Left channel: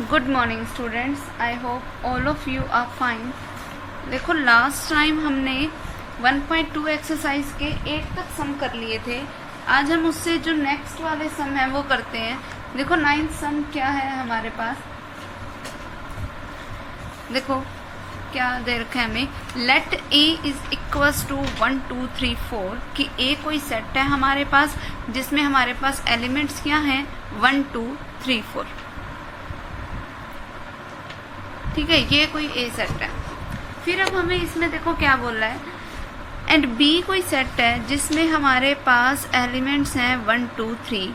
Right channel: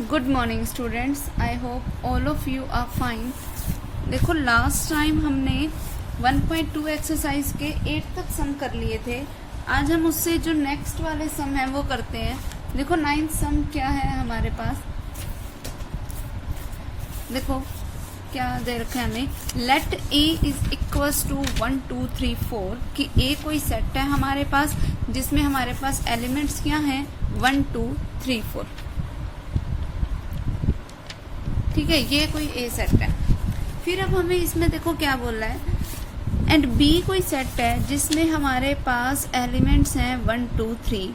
Good morning students, I hope all of you are fine. देखो last time हमने 1.2 exercise के 8 तक सम कर लिए थे। आज हम उससे जो नेक्स्ट वाले सम है वो करते हैं। देखो 9th सम क्या है हमारे पास, देखो क्या दे रखा है हमें। Let A is equals to 1 2 3 4 कि ए कोई सेट है हमारे पास जिसमें हमारे पास एलिमेंट्स क्या हैं 1 2 3 4। ठीक है, ये कोई ए सेट है। फिर अब हमें इसमें देखो क्या बोल रहा है, एंड बी कोई सेट है जिसमें हमारे पास एलिमेंट्स हैं 1 2 3।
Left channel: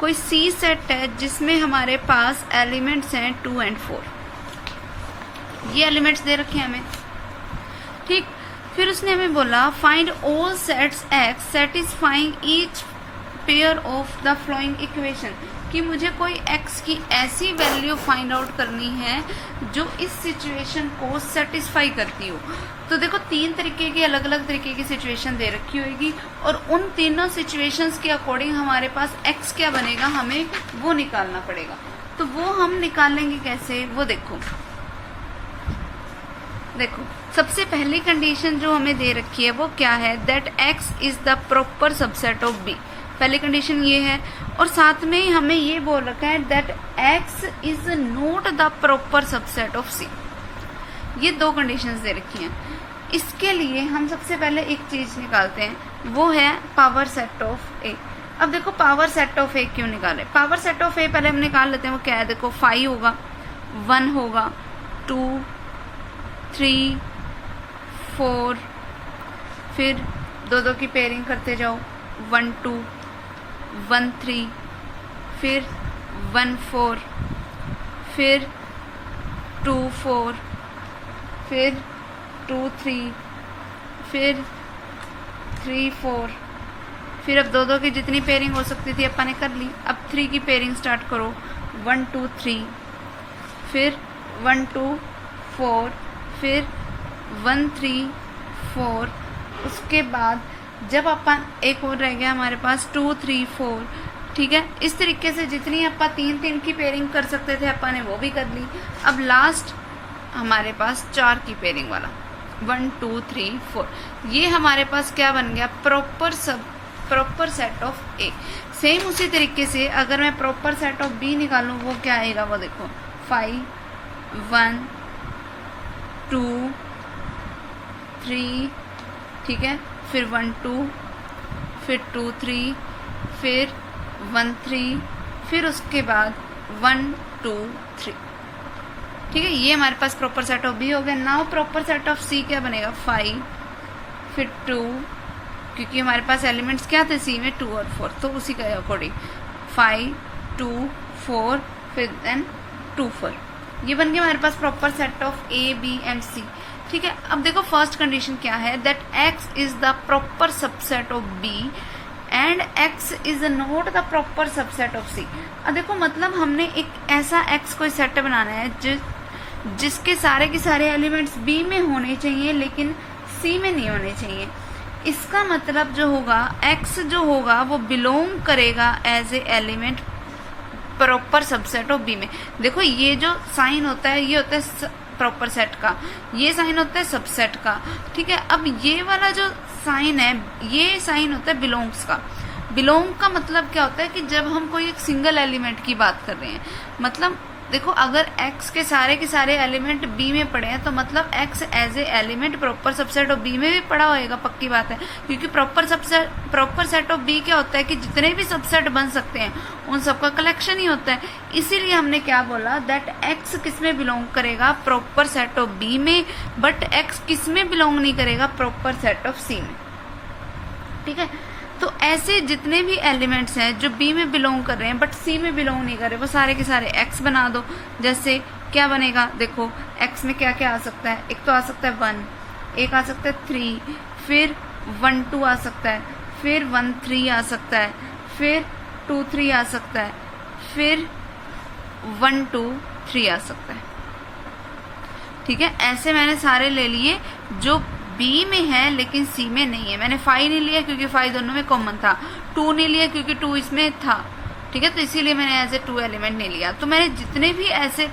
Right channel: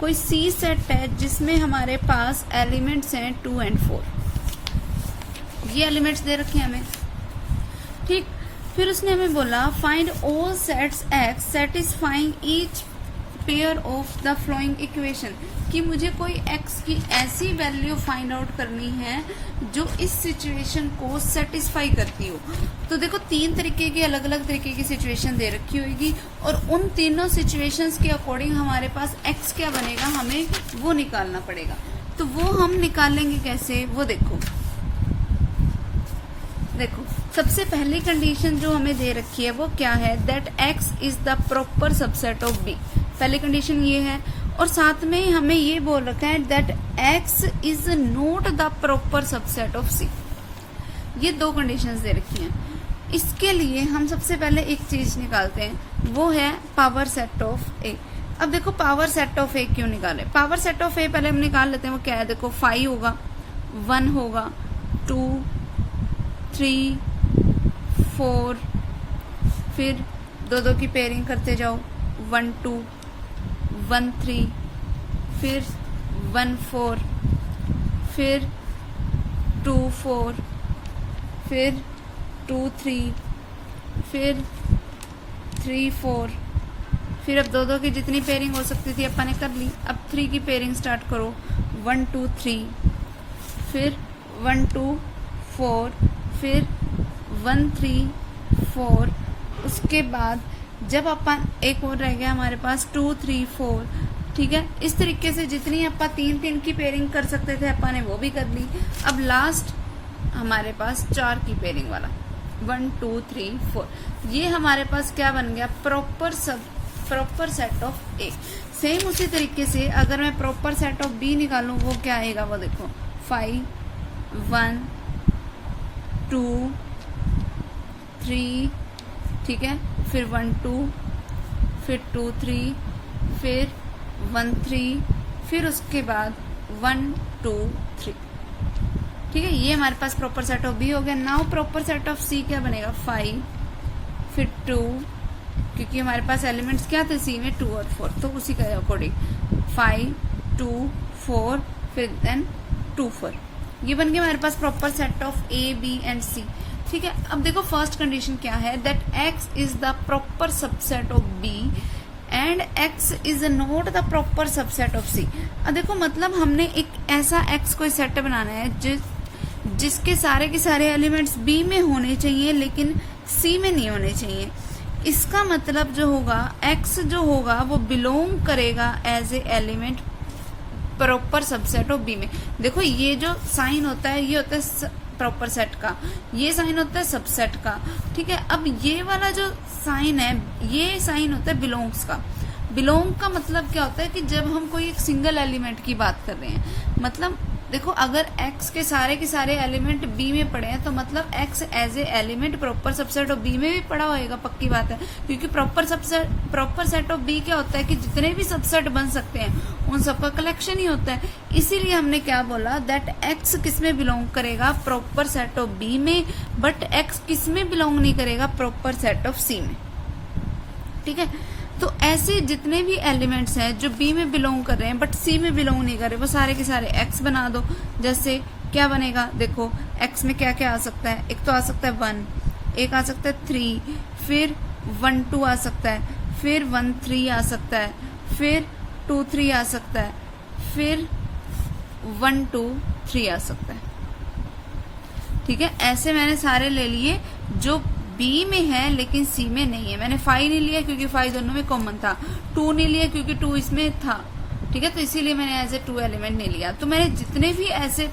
कोई सी सेट है जिसमें हमारे पास एलिमेंट्स हैं 2 और 4। ये एलिमेंट्स दे रखे हैं हमें। ठीक, फिर उसने हमें बोला find all sets x satisfying each pair of the flowing equation, कि मुझे कोई x की ऐसी वैल्यू फाइंड आउट करनी है जो इस सिचुएशन को सेटिस्फाई करती हो। तो देखो 3 तरीके की अलग अलग तरीके की सिचुएशन दे रखी होगी और उन तीनों सिचुएशंस के अकॉर्डिंग हमारे पास x क्या बनेगा, हमें वो निकालना पड़ेगा। तो वो हम निकालेंगे कैसे, वो देखो सबसे पहली कंडीशन जो हमें दे रखी है वो क्या है, that x is the proper subset of b। पहली कंडीशन ये है, और साथ में हमें ये बोल रखा है that x is not the proper subset of c। ये 2 कंडीशंस दे रखी हैं। इसके लिए हम सबसे पहले एक चीज निकालते हैं, वो है पावर सेट ऑफ a। अब देखो पावर सेट ऑफ a क्यों निकाले, पावर सेट ऑफ a पहले हम निकाल लेते हैं। वो क्या है, देखो 5 होगा, 1 होगा, 2 3 4, फिर 2 की पेयरिंग करते जाओ, 1 2 1 3, फिर 1 4, फिर 2 4, फिर 2 3, फिर 3 4, फिर अब 2 की जितनी पेयरिंग हो सकती थी अपन ने कर ली। अब 3 की पेयरिंग स्टार्ट करो, 1 2 3, फिर 1 2 4, फिर 1 3 4। उसके बाद जब अपन एक और रह गया हमारे पास 2 3 4। ठीक है, इस तरीके से जितनी अपन 3 की पेयरिंग कर सकते थे अपन ने वो भी कर ली। अब लास्ट हमारे पास 4 की पेयरिंग वाला 1 2 3 4। ये हमारे पास क्या बन गया, proper set of A. Same उसी तरीके से अगर मैं प्रॉपर सेट ऑफ बी निकालूं वो क्या आएगा, वो देखो 5 1 2 3। ठीक है, फिर 1 2, फिर 2 3, फिर 1 3, फिर उसके बाद 1 2 3। ठीक है, ये हमारे पास प्रॉपर सेट ऑफ बी हो गया। नाउ प्रॉपर सेट ऑफ सी क्या बनेगा, 5 फिर 2, क्योंकि हमारे पास एलिमेंट्स क्या थे सी में 2 और 4, तो उसी के अकॉर्डिंग 5 2 4, फिर देन 2 4। ये बन गया हमारे पास proper set of A B and C. ठीक है, अब देखो फर्स्ट कंडीशन क्या है, that x is the proper subset of b and x is not the proper subset of c। अब देखो मतलब हमने एक ऐसा x कोई सेट बनाना है जिसके सारे के सारे एलिमेंट्स b में होने चाहिए लेकिन c में नहीं होने चाहिए। इसका मतलब जो होगा x जो होगा वो बिलोंग करेगा as a element proper subset of b में। देखो ये जो साइन होता है ये होता है प्रॉपर सेट का, ये साइन होता है सबसेट का। ठीक है, अब ये वाला जो साइन है ये साइन होता है बिलोंग्स का। बिलोंग का मतलब क्या होता है कि जब हम कोई एक सिंगल एलिमेंट की बात कर रहे हैं, मतलब देखो अगर x के सारे एलिमेंट b में पड़े हैं तो मतलब x as a element proper subset of b में भी पड़ा होएगा, पक्की बात है। क्योंकि प्रॉपर सेट ऑफ b क्या होता है कि जितने भी सबसेट बन सकते हैं उन सबका कलेक्शन ही होता है। इसीलिए हमने क्या बोला, दैट x किस में बिलोंग करेगा, प्रॉपर सेट ऑफ b में, बट x किस में बिलोंग नहीं करेगा, प्रॉपर सेट ऑफ c में। ठीक है, तो ऐसे जितने भी एलिमेंट्स हैं जो b में बिलोंग कर रहे हैं बट c में बिलोंग नहीं कर रहे, वो सारे के सारे x बना दो। जैसे क्या बनेगा, देखो x में क्या क्या आ सकता है, एक तो आ सकता है 1, एक आ सकता है 3, फिर 1 2 आ सकता है, फिर 1 3 आ सकता है, फिर 2 3 आ सकता है, फिर 1 2 3 आ सकता है। ठीक है, ऐसे मैंने सारे ले लिए जो B में है लेकिन C में नहीं है। मैंने 5 नहीं लिया क्योंकि 5 दोनों में कॉमन था, 2 नहीं लिया क्योंकि 2 इसमें था, ठीक है। तो इसीलिए मैंने एज ए 2 एलिमेंट नहीं लिया। तो मैंने जितने भी ऐसे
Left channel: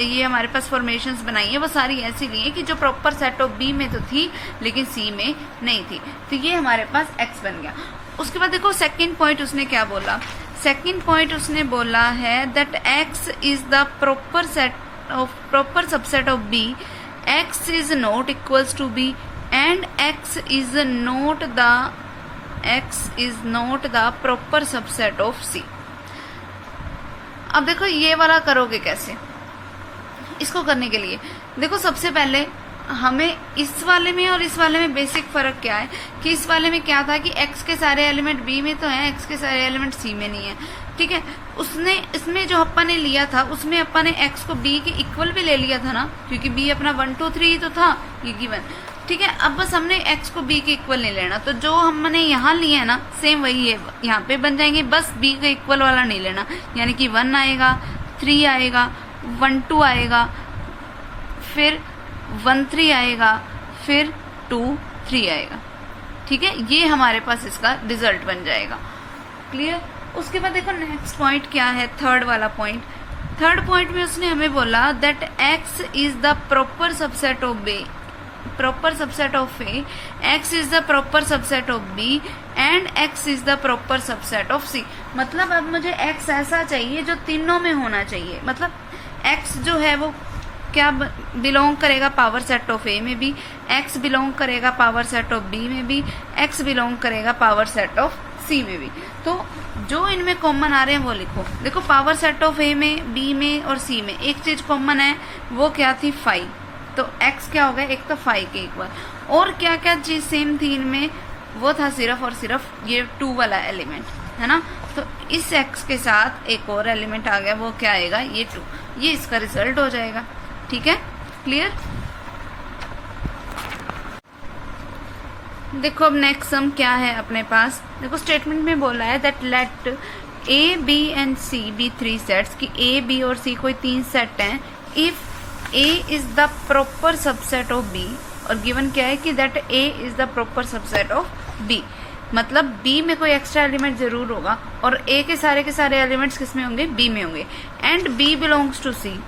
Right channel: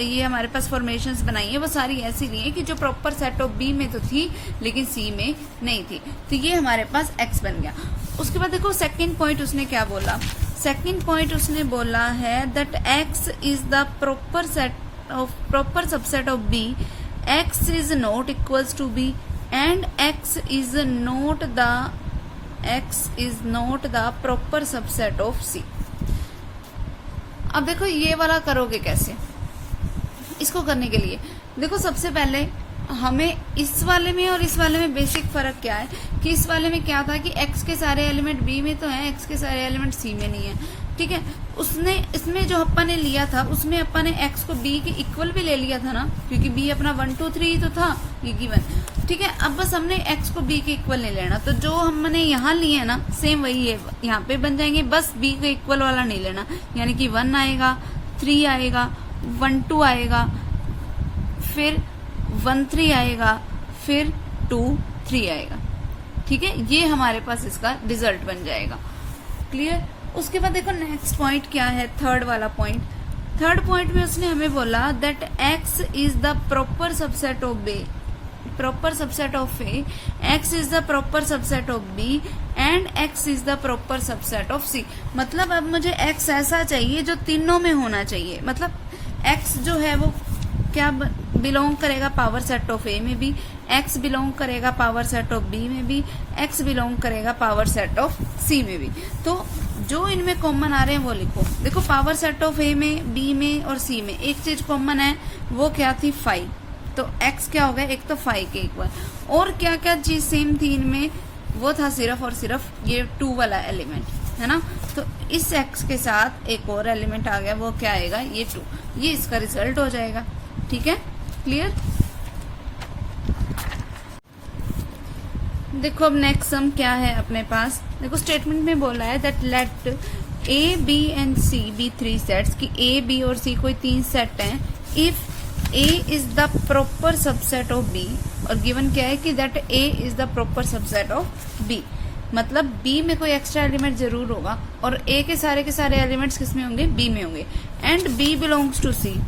ये हमारे पास फॉर्मेशंस बनाई है वो सारी ऐसी ली है कि जो प्रॉपर सेट ऑफ बी में तो थी लेकिन सी में नहीं थी, तो ये हमारे पास एक्स बन गया। उसके बाद देखो सेकेंड पॉइंट उसने क्या बोला, सेकेंड पॉइंट उसने बोला है that X is the proper subset of B, X is not equals to B and X is not the proper subset of C. अब देखो ये वाला करोगे कैसे, इसको करने के लिए देखो सबसे पहले हमें इस वाले में और इस वाले में बेसिक फर्क क्या है कि इस वाले में क्या था कि x के सारे एलिमेंट b में तो हैं, x के सारे एलिमेंट c में नहीं है, ठीक है। उसने इसमें जो अपन ने लिया था उसमें अपन ने x को b के इक्वल भी ले लिया था ना, क्योंकि b अपना 1 2 3 ही तो था ये गिवन, ठीक है। अब बस हमने x को b के इक्वल ले लेना, तो जो हमने यहाँ लिए है ना सेम वही है यहाँ पे बन जाएंगे, बस b के इक्वल वाला नहीं लेना, यानी कि 1 आएगा, 3 आएगा, 1 2 आएगा, फिर 1 3 आएगा, फिर 2 3 आएगा, ठीक है। ये हमारे पास इसका रिजल्ट बन जाएगा, क्लियर। उसके बाद देखो नेक्स्ट पॉइंट क्या है, थर्ड वाला पॉइंट। थर्ड पॉइंट में उसने हमें बोला that X is the proper subset of B, proper subset of A, X is the proper subset of B and X is the proper subset of C. मतलब अब मुझे x ऐसा चाहिए जो तीनों में होना चाहिए, मतलब एक्स जो है वो क्या बिलोंग करेगा पावर सेट ऑफ ए में भी, एक्स बिलोंग करेगा पावर सेट ऑफ बी में भी, एक्स बिलोंग करेगा पावर सेट ऑफ सी में भी। तो जो इनमें कॉमन आ रहे हैं वो लिखो। देखो पावर सेट ऑफ ए में, बी में और सी में एक चीज कॉमन है, वो क्या थी 5, तो x क्या हो गया, एक तो 5 के इक्वल, और क्या क्या चीज सेम थी इनमें, वो था सिर्फ और सिर्फ ये 2 वाला एलिमेंट है ना। तो इस x के साथ एक और एलिमेंट आ गया, वो क्या आएगा, ये 2, ये इसका रिजल्ट हो जाएगा, ठीक है, क्लियर। देखो अब नेक्स्ट सम क्या है अपने पास, देखो स्टेटमेंट में बोला है that let A B and C be 3 sets, कि ए बी और सी कोई 3 सेट हैं, if A is the proper subset of B, और गिवन क्या है कि that A is the proper subset of B, मतलब बी में कोई एक्स्ट्रा एलिमेंट जरूर होगा और ए के सारे एलिमेंट्स किस में होंगे, बी में होंगे, and B belongs to C,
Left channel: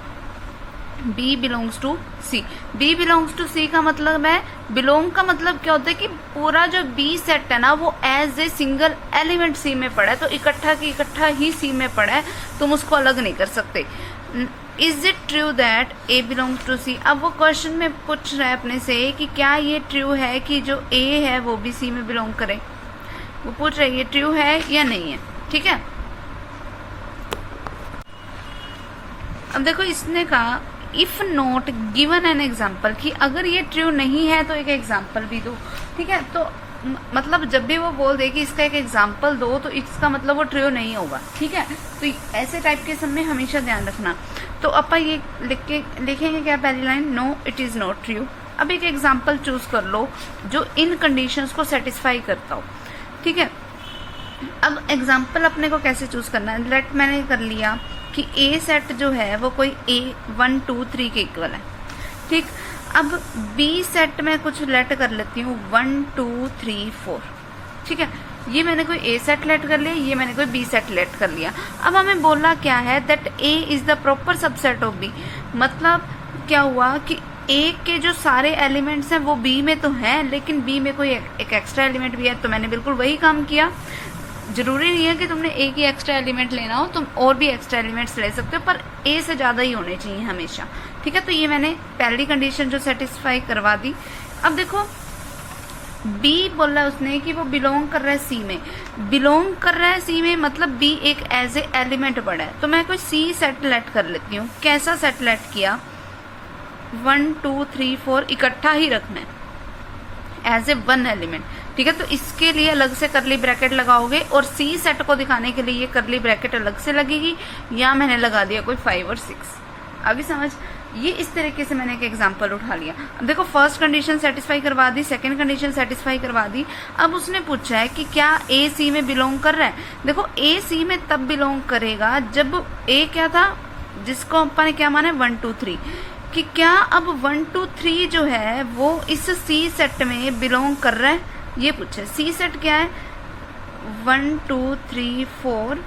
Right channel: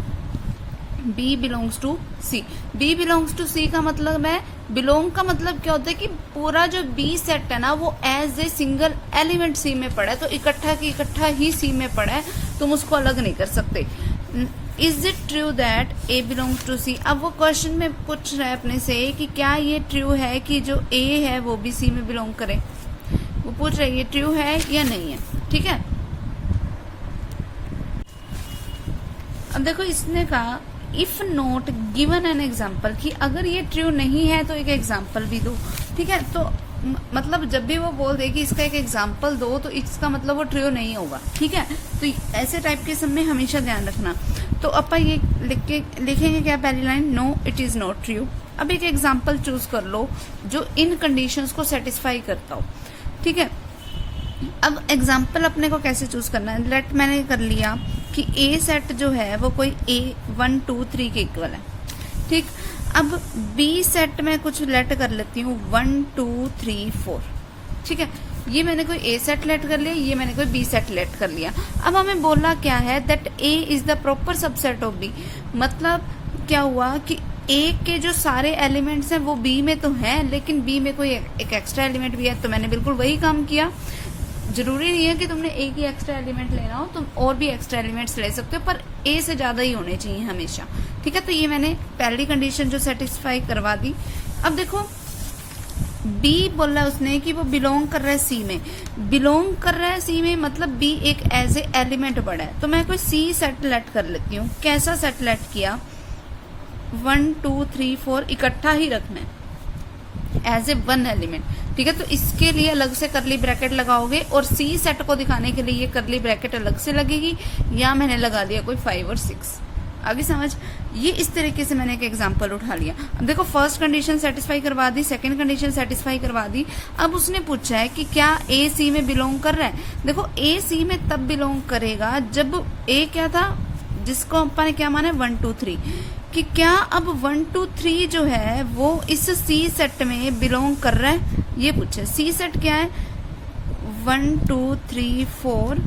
B belongs to C. B belongs to C का मतलब है, बिलोंग का मतलब क्या होता है कि पूरा जो बी सेट है ना वो एज ए सिंगल एलिमेंट सी में पड़ा है, तो इकट्ठा की इकट्ठा ही सी में पड़ा है, तुम उसको अलग नहीं कर सकते। Is it true that A belongs to C, अब वो क्वेश्चन में पूछ रहा है अपने से कि क्या ये ट्रू है कि जो ए है वो भी सी में बिलोंग करे, वो पूछ रहा है ये ट्रू है या नहीं है, ठीक है। अब देखो इसने कहा if not given an example, कि अगर ये ट्रू नहीं है तो एक एग्जाम्पल भी दो, ठीक है। तो मतलब जब भी वो बोल दे कि इसका एक एग्जाम्पल दो तो इसका मतलब वो ट्रू नहीं होगा, ठीक है। तो ऐसे टाइप के सब में हमेशा ध्यान रखना। तो अपन ये लिखेंगे क्या, पहली line, no it is not true. अब एक एग्जाम्पल चूज कर लो जो इन कंडीशंस को सेटिस्फाई करता हो, ठीक है। अब एग्जाम्पल अपने को कैसे चूज करना है, लेट मैंने कर लिया कि ए सेट जो है वो कोई ए 1 2 3 के इक्वल है, ठीक। अब बी सेट में कुछ लेट कर लेती हूँ 1 2 3 4, ठीक है। ये मैंने कोई ए सेट लेट कर लिया, ये मैंने कोई बी सेट लेट कर लिया। अब हमें बोलना क्या है that A is the proper subset of B, मतलब क्या हुआ कि ए के जो सारे एलिमेंट्स हैं वो बी में तो हैं, लेकिन बी में कोई एक एक्स्ट्रा एलिमेंट भी है, तो मैंने बिल्कुल वही काम किया। जरूरी नहीं है कि तुमने ए की एक्स्ट्रा एलिमेंट लेना हो, तुम और भी एक्स्ट्रा एलिमेंट्स ले सकते हो, पर ए से ज्यादा ही होने चाहिए हमेशा, ठीक है। तो ये मैंने पहली कंडीशन जो सेटिस्फाई करवा दी। अब देखो बी बोला उसने कि वो बिलोंग कर रहा है सी में, बिलोंग कर रहा है सी में मतलब बी एक एज ए एलिमेंट पड़ा है, तो मैं कोई सी सेट लेट कर लेती हूँ। कैसा सेट लेट किया, 1 2 3 4 इकट्ठा ही रखना है एज ए 1 एलिमेंट, ठीक है। तो इसके लिए अलग से करली ब्रैकेट लगाओगे और सी सेट को दिखाने के लिए ये करली ब्रैकेट अलग से लगेगी, या मैंने लगा दिया कोई 5 और 6, आगे समझ। ये इस तरीके से मैंने एक एग्जांपल उठा लिया। अब देखो फर्स्ट कंडीशन सेटिस्फाई करवा दी, सेकंड कंडीशन सेटिस्फाई करवा दी। अब उसने पूछा है कि क्या ए सी में बिलोंग कर रहा है। देखो ए सी में तब बिलोंग करेगा जब ए क्या था, जिसको अपन ने क्या माना 1 2 3, कि क्या अब 1 2 3 जो है वो इस सी सेट में बिलोंग कर रहा है, ये पूछे। सी सेट क्या है, 1 2 3 4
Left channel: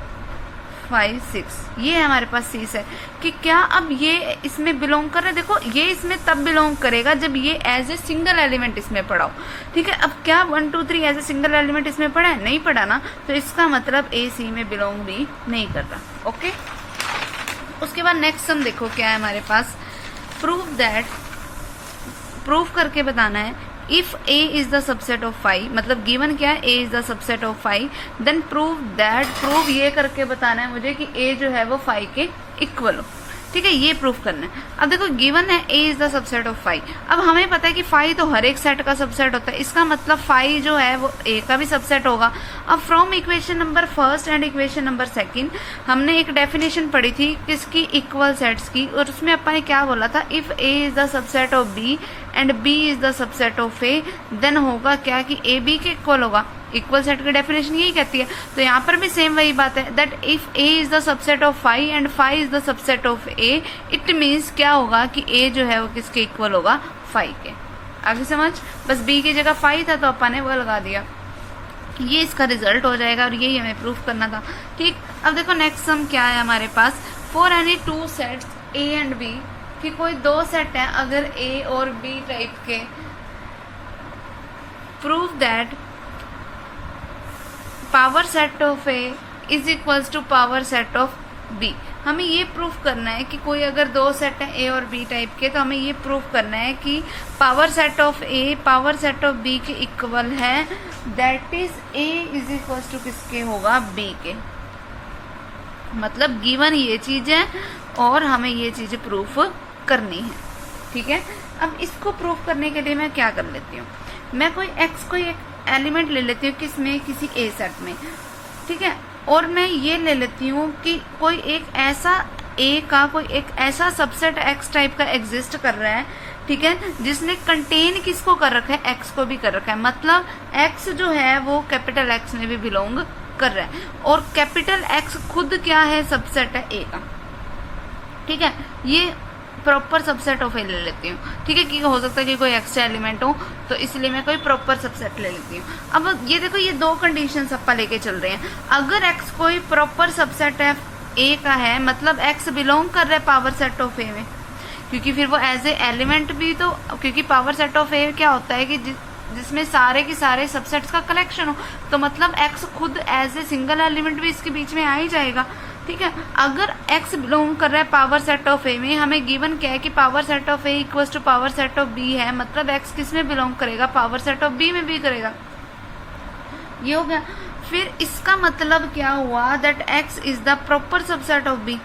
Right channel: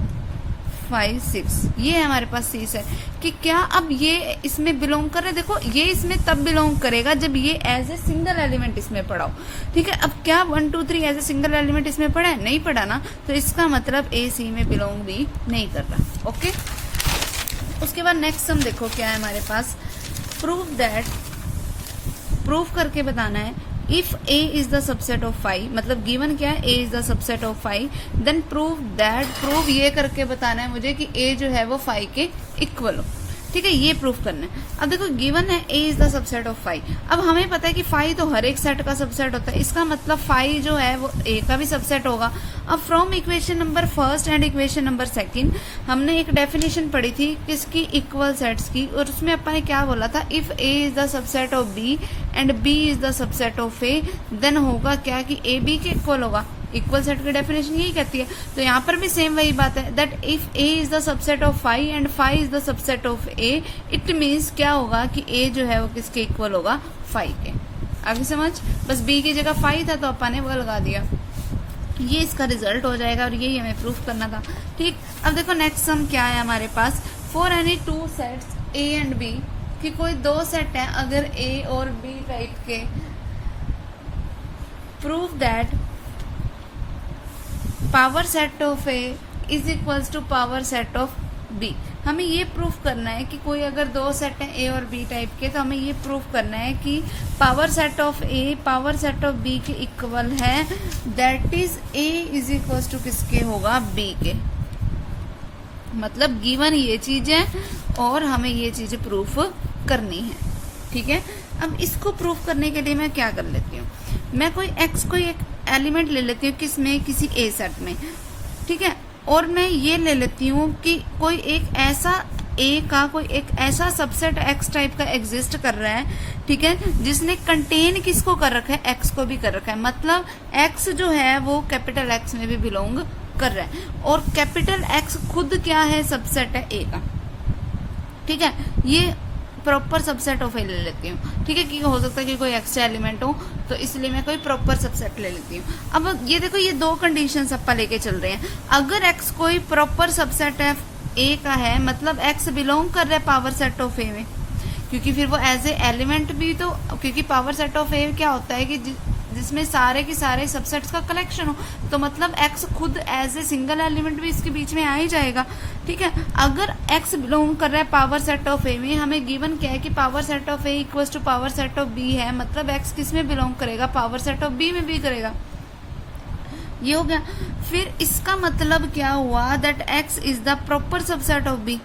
5 6, ये हमारे पास सी है कि क्या अब ये इसमें बिलोंग कर रहा है। देखो ये इसमें तब बिलोंग करेगा जब ये एज ए सिंगल एलिमेंट इसमें पड़ा हो, ठीक है। अब क्या 1 2 3 एज ए सिंगल एलिमेंट इसमें पड़ा है, नहीं पड़ा ना, तो इसका मतलब ए सी में बिलोंग भी नहीं कर रहा। ओके, उसके बाद नेक्स्ट सम देखो क्या है हमारे पास, प्रूव करके बताना है if A is the subset of 5, मतलब गिवन क्या है, A is the subset of 5, then prove ये करके बताना है मुझे कि ए जो है वो 5 के इक्वल हो, ठीक है, ये प्रूफ करना है। अब देखो गिवन है A is the subset of 5, अब हमें पता है कि 5 तो हर एक सेट का सबसेट होता है, इसका मतलब 5 जो है वो ए का भी सबसेट होगा। अब from equation number first and equation number second हमने एक डेफिनेशन पढ़ी थी किसकी, इक्वल सेट्स की, और उसमें अपन ने क्या बोला था, if A is the subset of B and B is the subset of A, then होगा क्या कि ए बी के इक्वल होगा। इक्वल सेट की डेफिनेशन यही कहती है, तो यहाँ पर भी सेम वही बात है, that if A is the subset of 5 and 5 is the subset of A, it means क्या होगा कि ए जो है वो किसके इक्वल होगा, 5 के। आगे समझ, बस बी की जगह 5 था तो अपन ने वो लगा दिया, ये इसका रिजल्ट हो जाएगा और यही हमें प्रूफ करना था, ठीक। अब देखो नेक्स्ट सम क्या है हमारे पास, for any 2 sets A and B, कि कोई 2 सेट है अगर ए और बी टाइप के, prove that power set of A is equals to power set of B. हमें ये प्रूफ करना है कि कोई अगर 2 सेट है ए और बी टाइप के, तो हमें ये प्रूफ करना है कि power set of A power set of B के इक्वल है, that is A is equals to किसके होगा, बी के। मतलब गिवन ये चीज है और हमें ये चीजें प्रूफ करनी है, ठीक है। अब इसको प्रूफ करने के लिए मैं क्या कर लेती हूँ, मैं कोई एक एलिमेंट ले लेती हूँ किसमें, किसी ए सेट में, ठीक है, और मैं ये ले लेती हूँ कि कोई एक ऐसा ए का कोई एक ऐसा सबसेट एक्स टाइप का एग्जिस्ट कर रहा है, ठीक है, जिसने कंटेन किसको कर रखा है, एक्स को भी कर रखा है। मतलब एक्स जो है वो कैपिटल एक्स में भी बिलोंग कर रहा है, और कैपिटल एक्स खुद क्या है, सबसेट है ए का, ठीक है। ये प्रॉपर सबसेट ऑफ ए ले लेती हूँ, ठीक है, कि हो सकता है कि कोई एक्स्ट्रा एलिमेंट हो, तो इसलिए मैं कोई प्रॉपर सबसेट ले लेती हूँ। अब ये देखो, ये 2 कंडीशंस अपन लेके चल रहे हैं। अगर एक्स कोई प्रॉपर सबसेट है ए का है, मतलब एक्स बिलोंग कर रहा है पावर सेट ऑफ ए में, क्योंकि फिर वो एज ए एलिमेंट भी, तो क्योंकि पावर सेट ऑफ ए क्या होता है कि जिसमें सारे के सारे सबसेट्स का कलेक्शन हो, तो मतलब एक्स खुद एज ए सिंगल एलिमेंट भी इसके बीच में आ ही जाएगा, ठीक है। अगर एक्स बिलोंग कर रहा है पावर सेट ऑफ ए में, हमें गिवन क्या है कि power set of A equals to power set of B है, मतलब एक्स किस में बिलोंग करेगा, पावर सेट ऑफ बी में भी करेगा, ये हो गया। फिर इसका मतलब क्या हुआ, that X is the proper subset of B.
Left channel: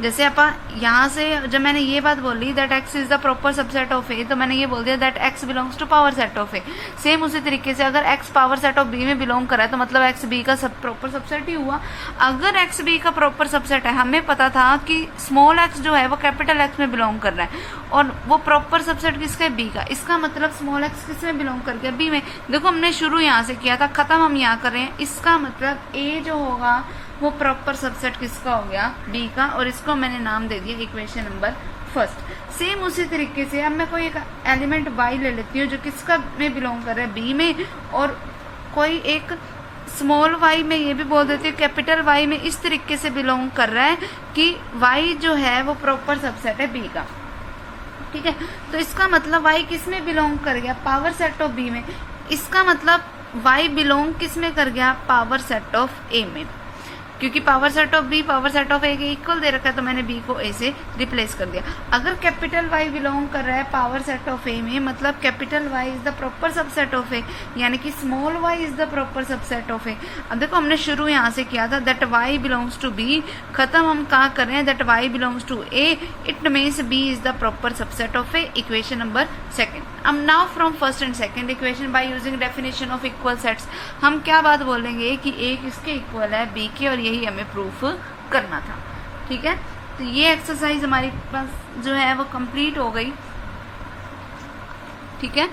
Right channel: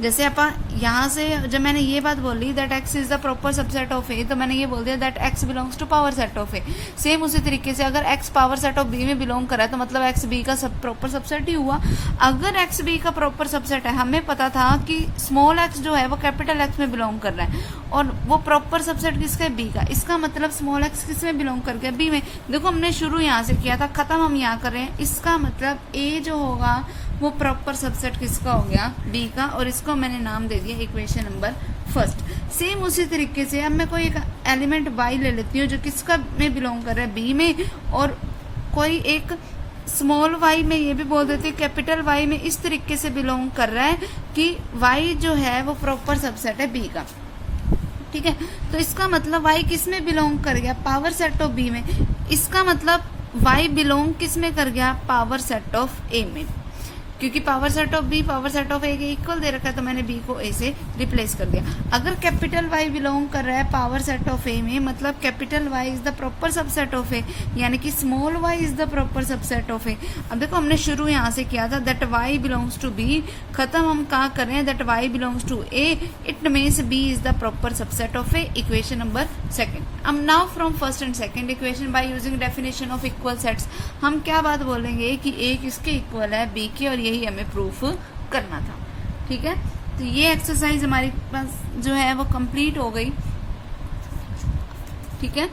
जैसे अपन यहाँ से जब मैंने ये बात बोली that X is the proper subset of A, तो मैंने ये बोल दिया that X belongs to power set of A. Same उसी तरीके से अगर X power set of B में बिलोंग कर रहा है, तो मतलब एक्स बी का सब प्रॉपर सबसेट ही हुआ। अगर एक्स बी का प्रॉपर सबसेट है, हमें पता था कि स्मॉल एक्स जो है वो कैपिटल एक्स में बिलोंग कर रहा है, और वो प्रॉपर सबसेट किसका है, बी का। इसका मतलब स्मॉल एक्स किस में बिलोंग कर गया, बी में। देखो हमने शुरू यहाँ से किया था, खत्म हम यहाँ कर रहे हैं। इसका मतलब ए जो होगा वो प्रॉपर सबसेट किसका हो गया, बी का, और इसको मैंने नाम दे दिया इक्वेशन नंबर फर्स्ट। सेम उसी तरीके से अब मैं कोई एक एलिमेंट वाई ले लेती हूँ जो किसका में बिलोंग कर रहा है, बी में, और कोई एक स्मॉल वाई में ये भी बोल देती हूँ कैपिटल वाई में इस तरीके से बिलोंग कर रहा है कि वाई जो है वो प्रॉपर सबसेट है बी का, ठीक है। तो इसका मतलब वाई किस में बिलोंग कर गया, पावर सेट ऑफ बी में। इसका मतलब वाई बिलोंग किस में कर गया, पावर सेट ऑफ ए में, क्योंकि power set of B power set of A के इक्वल दे रखा है, तो मैंने बी को ए से रिप्लेस कर दिया। अगर कैपिटल वाई बिलोंग कर रहा है पावर सेट ऑफ ए में, मतलब capital Y is the proper subset of A, यानी कि small Y is the proper subset of A. अब देखो हमने शुरू यहाँ से किया था that Y belongs to B, खत्म हम कहाँ कर रहे हैं, that Y belongs to A, it means B is the proper subset of A, equation number second. अब now from first and second equation by using definition of equal sets, हम क्या बात बोलेंगे कि ए किसके इक्वल है, बी के, और यही हमें प्रूफ करना था, ठीक है। तो ये एक्सरसाइज हमारे पास जो है वो कंप्लीट हो गई, ठीक है।